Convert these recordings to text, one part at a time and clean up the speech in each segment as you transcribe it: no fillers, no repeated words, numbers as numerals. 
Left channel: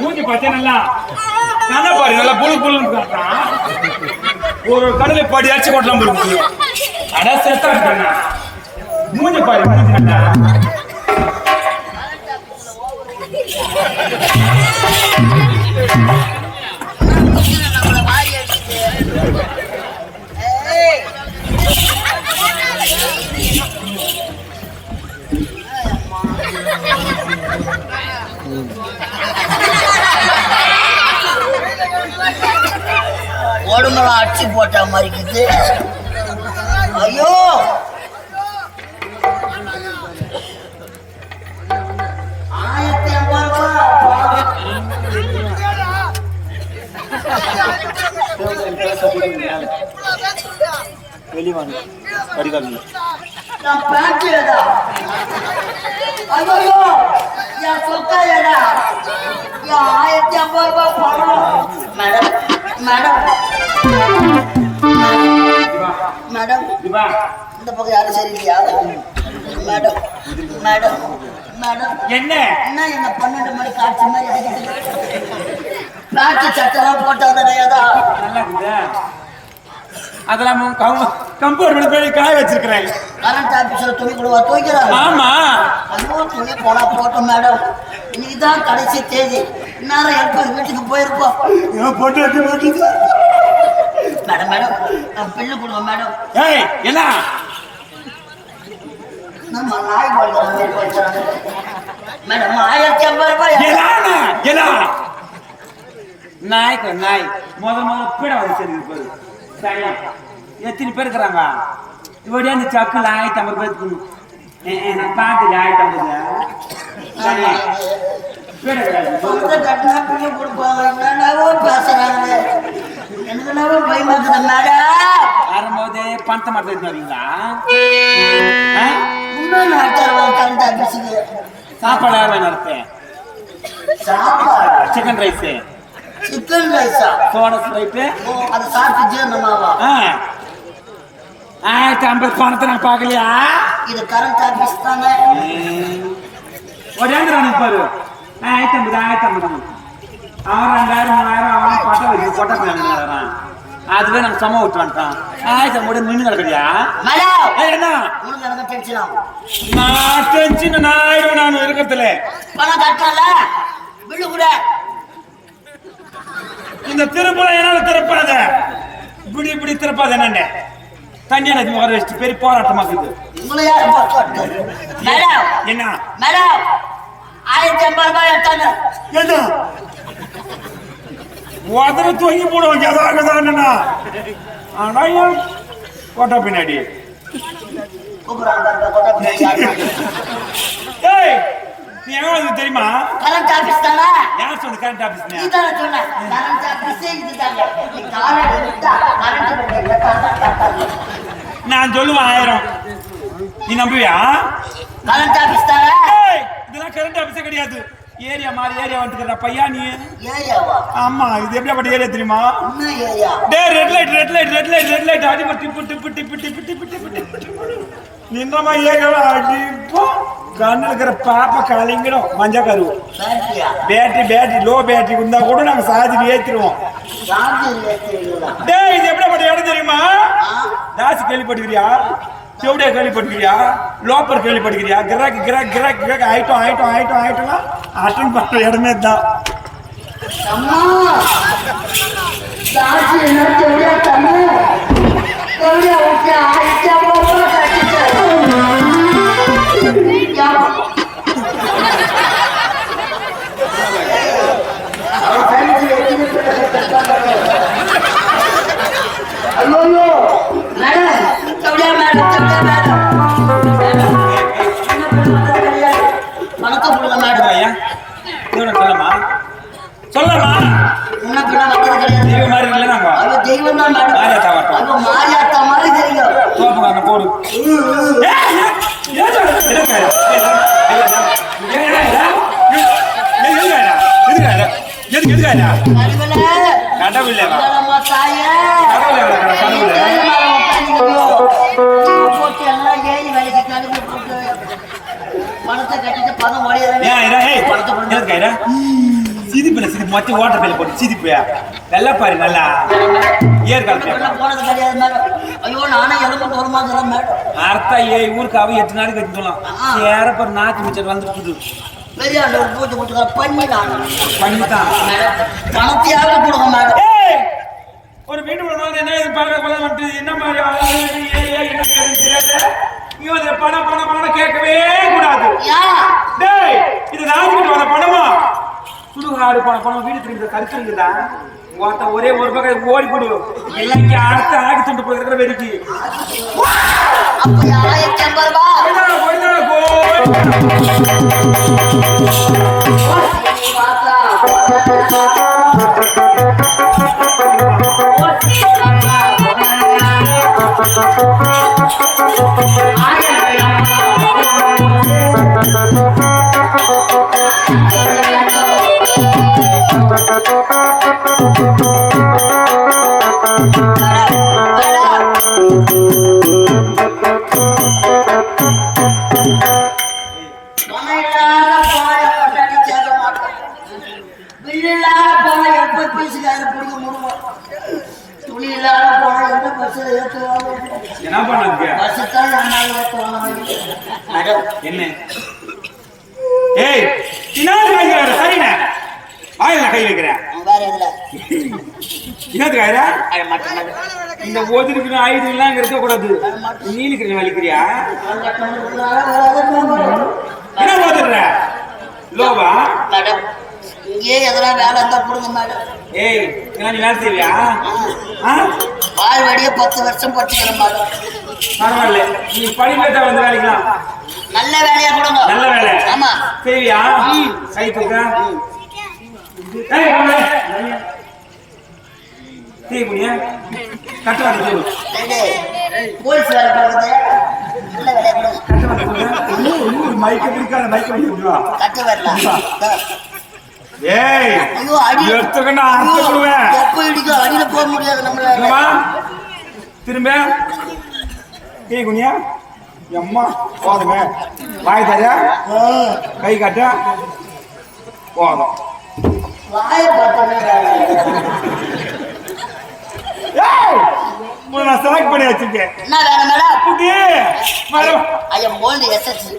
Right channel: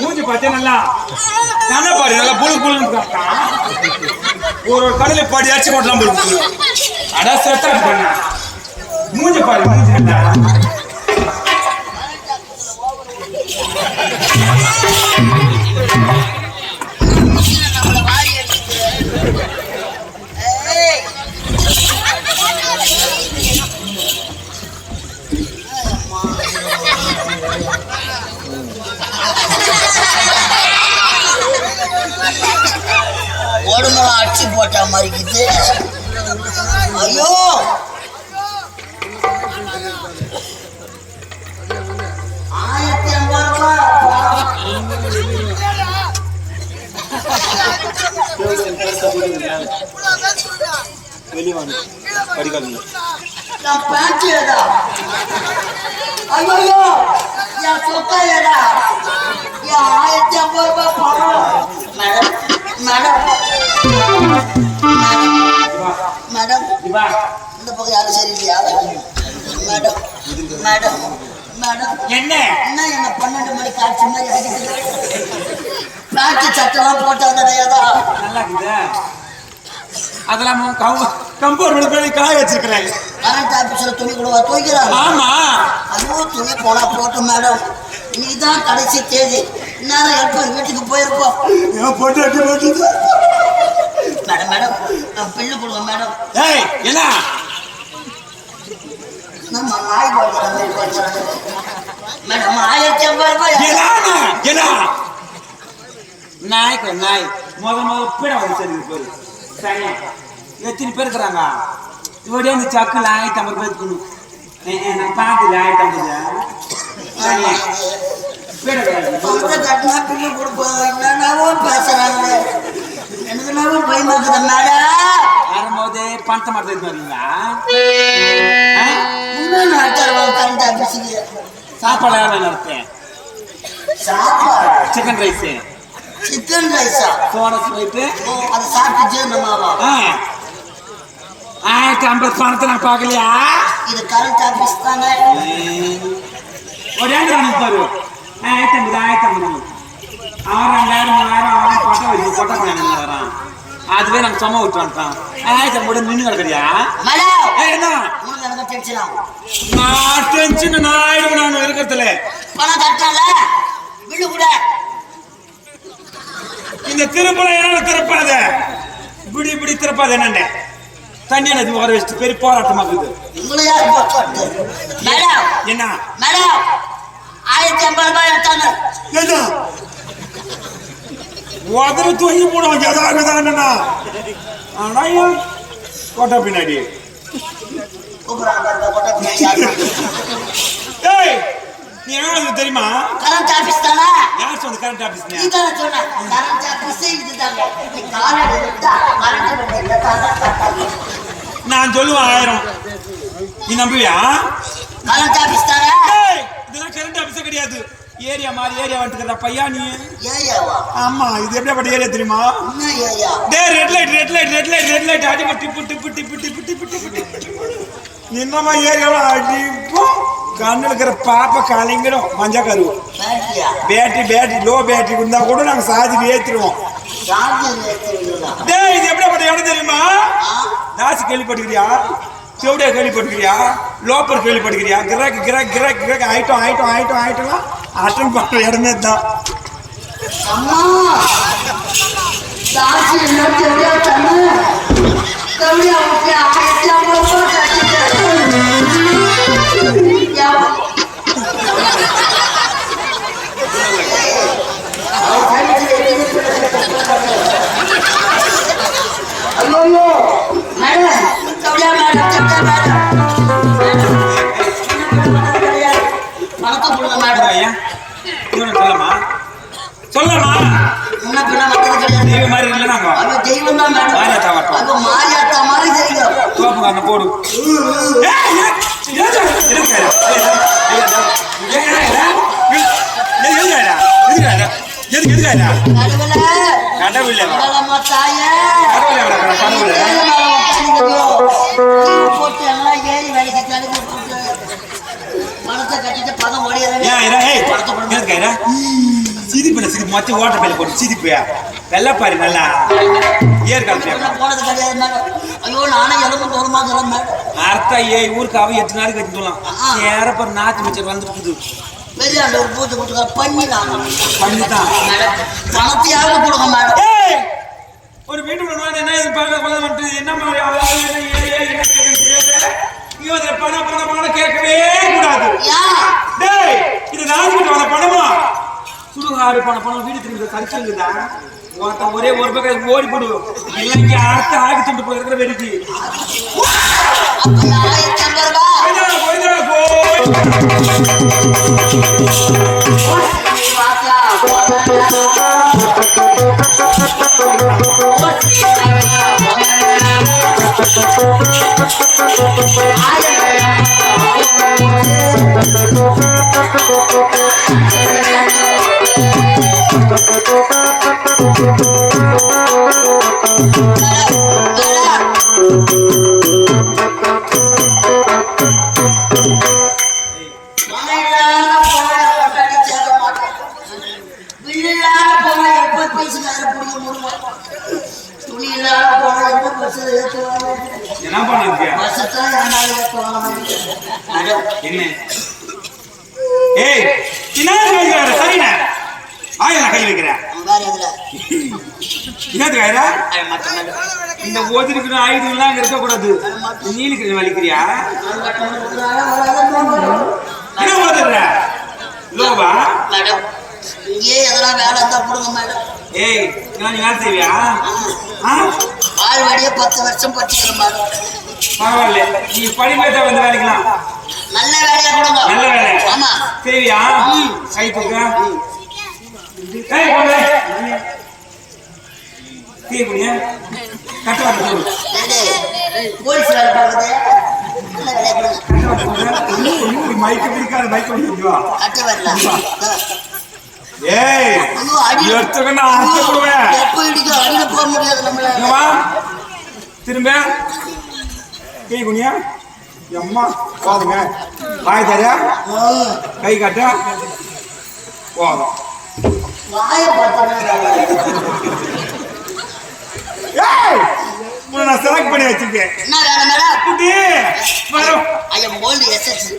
மூஞ்சி பார்த்தே நல்லா தானே பாரு, நல்லா புழு புழுன்னு ஒரு கடலை பாடி அடிச்சு கொட்டலாம் போயிருக்கு. அடா செத்தா பண்ண மூஞ்சி பாரு, மூஞ்சி உடம்பெல்லாம் அடிச்சு போட்ட மாதிரிக்குது. ஐயோ ஐயோ என் சொத்தா ஏடா என் 1050 ரூபாய் பணம். மேடம் மேடம் மேடம் இந்த பக்கம் யாரும் சரியில்லையா? மேடம் மேடம் மேடம் என்ன என்ன 12 மணி காட்சி மாதிரி பிளாஸ்டி சட்டெல்லாம் போட்டா அதெல்லாம் கம்பவுண்ட் போய் காய வச்சிருக்கிறாங்க. கரண்ட் ஆபீஸ்ல துணி கொடுவா துவைக்கிறாங்க. ஆமா அதுவும் துணி போனா போட்டோம் மேடம். நீதான் கடைசி தேதி நேரம் எப்ப வீட்டுக்கு போயிருப்போம். மேடம் மேடம் பில்லு கொடுங்க மேடம். என்ன நம்ம நாய் போடுறாங்க மேடம் 1050 ரூபாய். நாய்க்கு நாய் பீட வந்து போய் எத்தனை பேர் இருக்கிறாங்க? இவடே அந்த சக்குல 1050 ரூபாய்க்கு நான் பார்த்து 1050 கட்டினா பில்லு கொடுப்போம். என்னன்னாவோ பேசுறாங்க, எனக்கு என்னவோ பயமா இருக்குது மேடம். வரும்போது பணத்தை மட்டும் வரீங்களா? இன்னும் கரண்ட் ஆபீஸுக்கு சாப்பாடு எவ்வளோ நடத்தேன்? சாப்பாடு சிக்கன் ரைஸு. சிக்கன் ரைஸா? போனஸ் போயிட்டு அதை சாப்பிட்டு ஜீரணமாவா? 1050 பணத்தை நான் பார்க்கலையா? இது கரண்ட் ஆபீஸ் தானே? ஒரு பாரு 1050 அவன் 2000 3000 பட்டம் வச்சு கொட்டை வரான். அதுவே நாங்கள் சும்மா விட்டு வந்துட்டான். 1050 மீன் கிடைக்கலையா? என்ன நான் டென்ஷன் நான் ஆயிடுவேன். நான் இருக்கிறதுல பணம் கட்டல விழு கூட இந்த திருப்பல என்னால திறப்பாத இப்படி இப்படி திறப்பாத. என்னண்ட தண்ணியான வர வச்சுட்டு பெரிய போராட்டமாக்குது. என்ன மேடம் 1050 ரூபாய் எடுத்தாங்க. உதற தூங்கி போடுவாங்க. எதாகதானா ஆனால் கோட்டை பின்னாடி நீ என்ன தெரியுமா? கரண்ட் ஆபீஸ் தானே? யார் சொன்ன கரண்ட் ஆபீஸ்? நீ தானே சொன்ன கரண்ட் ஆபீஸ் இதுதாங்க. நீ காரணம் எடுத்தா கரண்ட் நான் சொல்லுவேன் 1000. நீ நம்புவியா? கரண்ட் ஆபீஸ் தானே? இதெல்லாம் கரண்ட் ஆபீஸே கிடையாது. ஏரியா மாதிரி ஏரியா வந்துட்டு பையா நீ. ஏரியாவா? ஆமா இது எப்படிப்பட்ட ஏரியா தெரியுமா? என்ன ஏரியா? ரெட் லைட் அடி டிப்பு நின்னமா ஏரியாவா அடிப்போ கண்ணுல இருக்கிற பாப்ப கலைங்கிடும். மஞ்சா கருவு பேட்டரி லோ பேட்டரி இருந்தா கூட நாங்க சாதி ஏத்திடுவோம். இது எப்படிப்பட்ட இடம் தெரியுமா? தாசி கேள்விப்பட்டுக்கிறியா? செவடியா கேள்விப்பட்டுக்கிறியா? லோப்பர் கேள்விப்பட்டுக்கிறியா? கிராக் ஐட்டம் அட்டன் பண்ற இடமே தான். சொல்லமா மாதிரி இல்ல மாயாத்தா மாதிரி தெரியும். போடு கடவுள் எம்மா தாயே போட்டு எல்லாம் ஏறி வேலைக்கு கழுவி போட்டு பணத்தை கட்டிட்டு பணம் ஓடிடுறேன். சிரிப்பு மொத்த ஓட்ட பையில போட்டு சிரிப்பியா நல்லா பாரு நல்லா ஏற்காலம் போனது கிடையாது மேடம். ஐயோ நானே எலும்பு ஒரு மாதம் மேடம். அர்த்தம் ஊருக்கு அவ 8 நாளைக்கு வச்சுக்கலாம் ஏறப்ப நாத்து மிச்சர் வந்து புது பெரிய ஒரு பூச்சி கொடுத்துக்க பண்ணிதான் பண்ணிதான் பணத்தையாவது கொடுங்க மேடம். ஒரு வீட்டு என்ன மாதிரி பணம் கேட்கவே கூடாது. இது ராஜ்கிட்ட வர பணமா சுடுகாடு பணம் வீடு திரும்பி கடிச்சிருக்குதா ஒரே ஒரு பக்கம் ஓடி போடு இல்லைங்க அடுத்த ஆகி துண்டு போயிருக்கிற வெறிக்கு என்ன பண்ண என்ன ஏய் சரிண்ண ஆயிரம் கை வைக்கிறேன் இந்த ஓதிருக்கிற ஆயுதங்கள்லாம் இருக்க கூடாது. நீலிக்கிற வலிக்கிறியா என்ன ஓதுற லோவா இங்கே எதெல்லாம் வேலை இருந்தா கொடுங்க மேடம். ஏய் நீ வேலை செய்வியா? பால்வாடியே 10 வருஷம் படிச்சுக்கிறேன் மேடம். பரவாயில்ல நீ படிப்பேட்டா வந்து வேலைக்கலாம் நல்ல வேலையா கொடுங்க. நல்ல வேலை ஆமா செய்வியா? கை தூக்க போலீஸ் வேலை பார்க்குறது நல்ல வேலையா கொடுங்க. மைக்க பிடிக்காத மைக்க பிடிக்குவா கட்ட வரல. ஏய் எடுத்துக்கணும் அர்த்த கொடுவேன் எப்ப இடிக்க அடியில போக முடியாது நம்மளால. திரும்ப கே குனியா அம்மா போதுங்க வாய் தர கை காட்ட போதும் வாயை பார்த்தா நான் செலக்ட் பண்ணி வச்சிருக்கேன். என்ன வேலை மேடம்? குட்டி ஐயா மோல்டு எஸ்எஸ்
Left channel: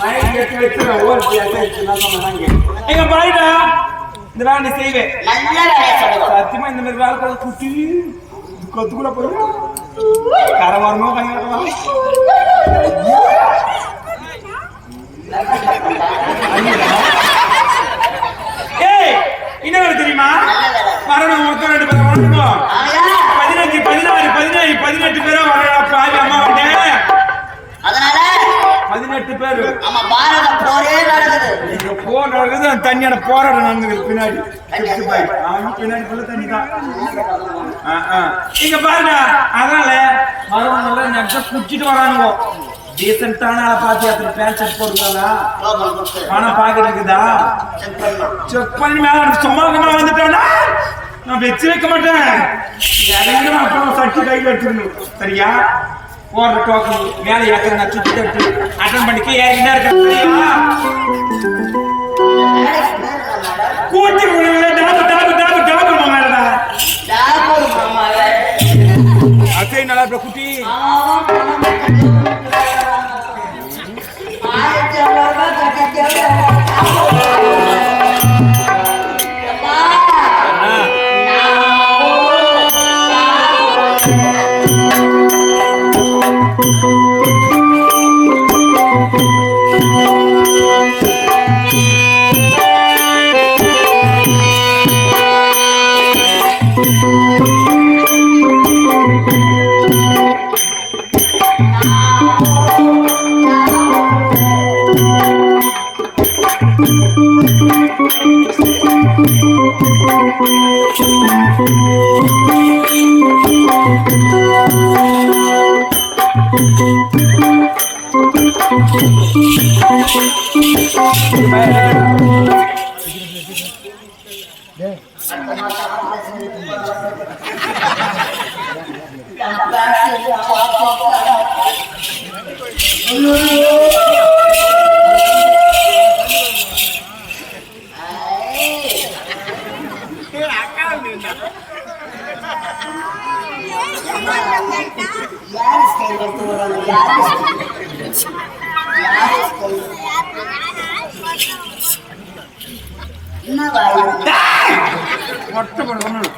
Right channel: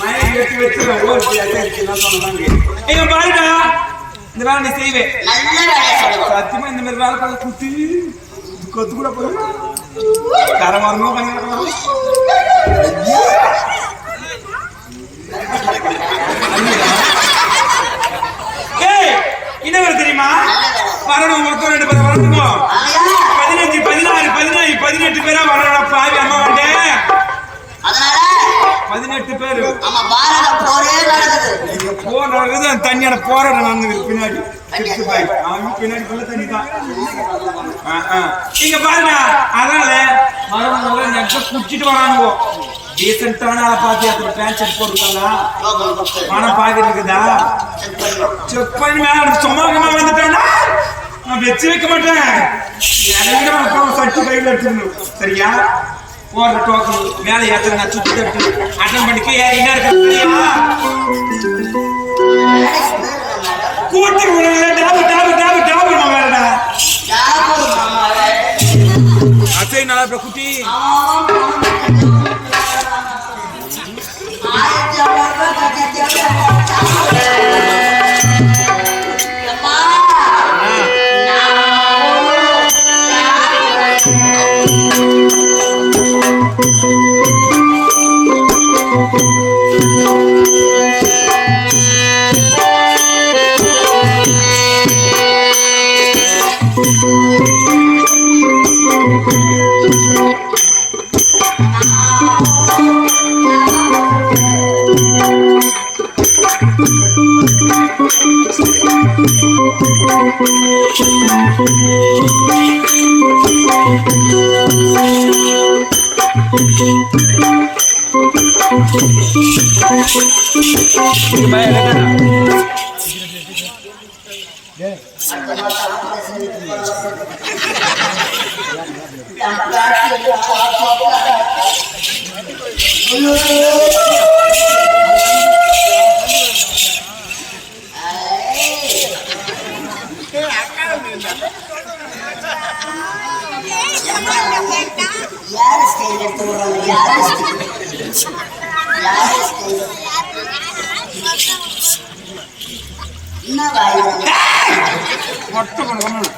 மயக்க எடுத்து வச்சிருவேன். ஓல்டு எஸ்எஸ் நான் சொன்னதாங்க. ஐயா பாருடா இந்த வேலை நீ செய்வேன். நல்ல வேலையா சொல்லுங்க. சத்தியமா இந்த மாதிரி வேலை பண்ண குட்டி கொத்து கூட போய் கரை வரணும் பண்ணிடணும். ஏய் என்ன வேலை தெரியுமா? வரணும் மொத்தம் 2 பேர் வரணும். 15 16 17 18 பேரா வரணும். பாவி அம்மா வந்தேன். அதனால 18 பேர். ஆமா பாரத போரே நடக்குது. இங்க போர் நடக்குது. தண்ணியோட போராட்டம் நடந்துருக்கு பின்னாடி. பின்னாடி ஃபுல்லா தண்ணி தான். இங்க பாருங்க அதனால மரவங்க நெக்ஸ்ட் குடிச்சிட்டு வரானுங்க. டீசென்ட்டான ஆளை பார்த்து அத்தனை பேண்ட் ஷர்ட் போட்டுருக்காங்க. பணம் பாக்கெட் இருக்குதா செக் பண்ணி மேல சும்மா வந்துட்டேன்னா நான் வச்சு வைக்க மாட்டேன். அப்புறம் சட்டி கையில் எடுத்துக்கணும். சரியா? போடுற டோக்கன் மேலே ஏற்ற நான் சுத்தி தட்டு அட்டன் பண்ணிக்க என்ன இருக்க கூட்டி டாபு டாபு டாபு டாபு மேலடா அசை நல்லா குட்டி அடுத்த மாசம் ஆபரேஷன் இருக்கு நம்ம காட்சி யாரு ஸ்டைல் எடுத்து வர்றாங்க யாரு ஸ்டைல் என்ன வாய் மொட்டை கொடுக்கணும்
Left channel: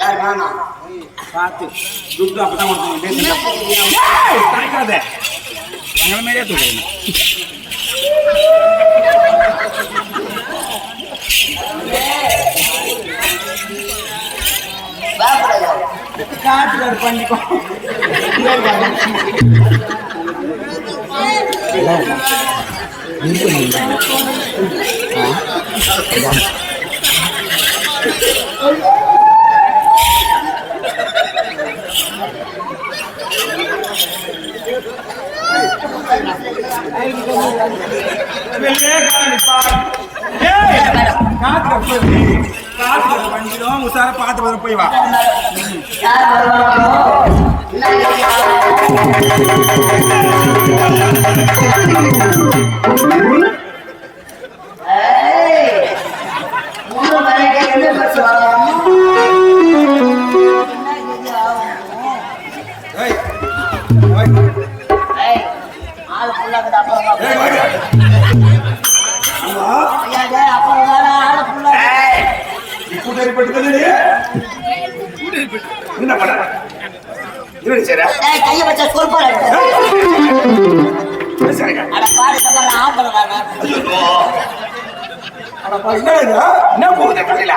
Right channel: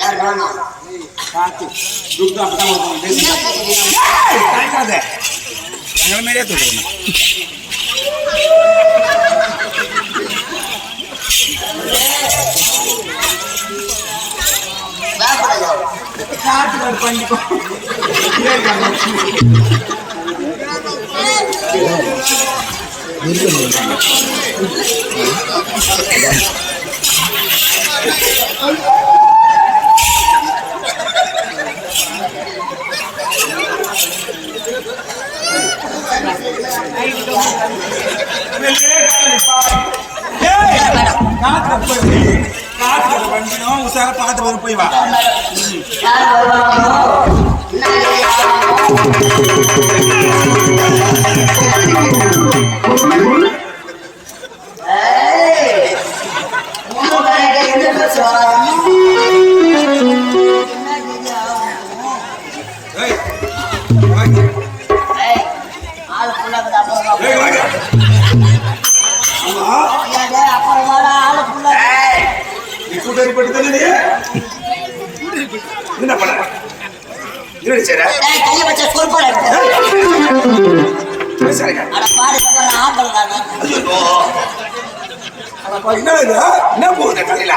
யார் வேணும் பார்த்து துட்டு அப்பதான் கொடுக்கணும் தாய்க்காத எங்களை மாதிரியே தூக்கணும் காட்டுக்கார பண்ணிக்கோ காத்துக்கார பண்ணிடும் உசார பார்த்து வரும் போய் வா ஆள் ஃபுல்லாக அப்புறம் ஆள் ஃபுல்லாக கூட்டணி பட்டு என்ன பண்ண கையை வச்சா சொற்பாடு அட பாரு ஆடுறாங்க என்ன போகுது கடையில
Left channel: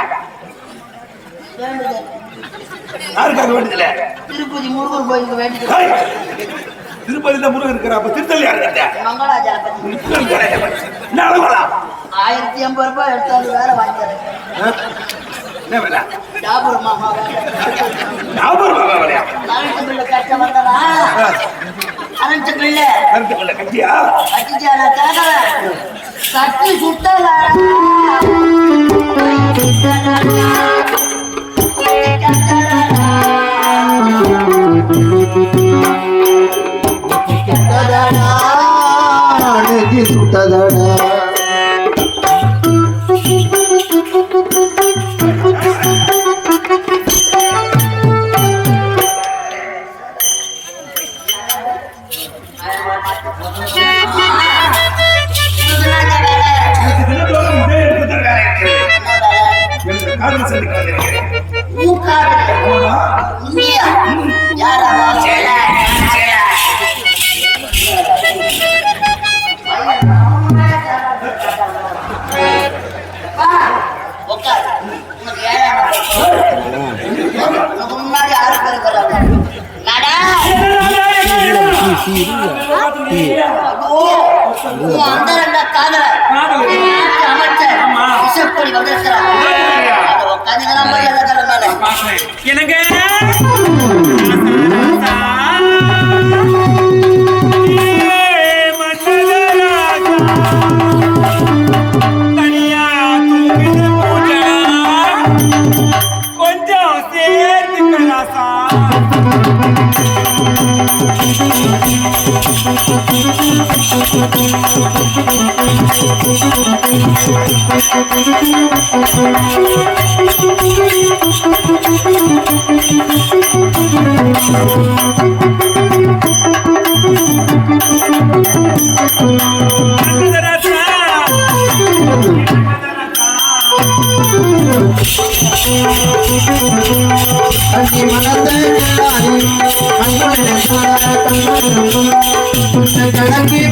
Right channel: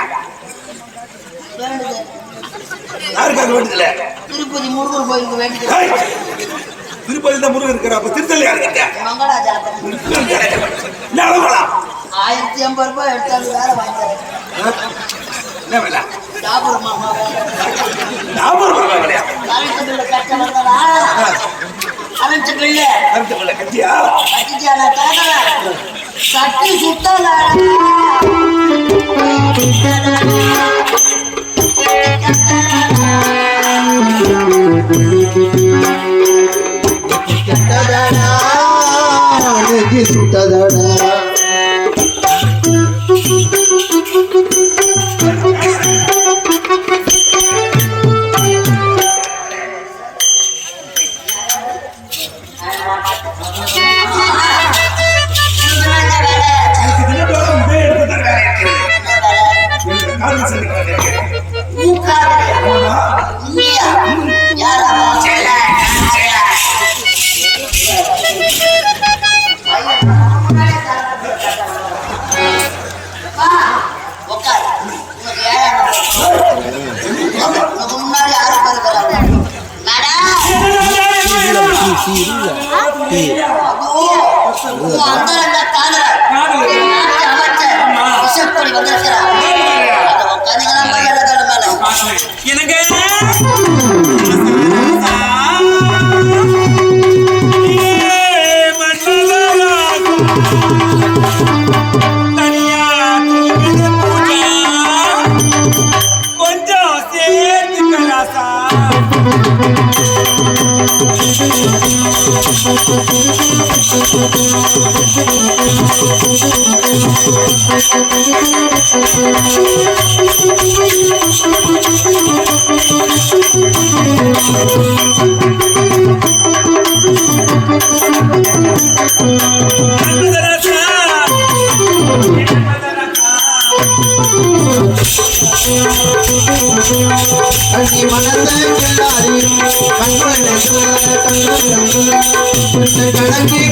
யாருக்காக வேண்டியதுல திருப்பதி முருகன் கோயிலுக்கு வேண்டியது திருப்பதியில முருகன் இருக்கிற அப்ப திருத்தல் யாரு மங்களாஜா என்ன அளவலாம் 1080 ரூபாய் எடுத்தாலும் வேலை வாங்கிக்கிறேன் என்ன வேலை டாபர் மாமா வேலையா கரண்ட் பில்லு கட்ட வந்தனா கரண்ட் பில்லு கருத்து பிள்ளை கட்டியா கட்டிச்சா நான் கேட்கறேன் சட்டி சுத்தல சுட்டதடா முன்னாடி 6 பேர் இருக்கிறாங்க அந்த காதல அமைச்சர் விசப்படி வந்திருக்கிறார் உட்காந்துக்கலாம் போய் எல்லா மேல எனக்கு கொஞ்சம் சேர்த்து கலாசா அங்கி மனதை கண்ணாடி கண்களை கணக்கி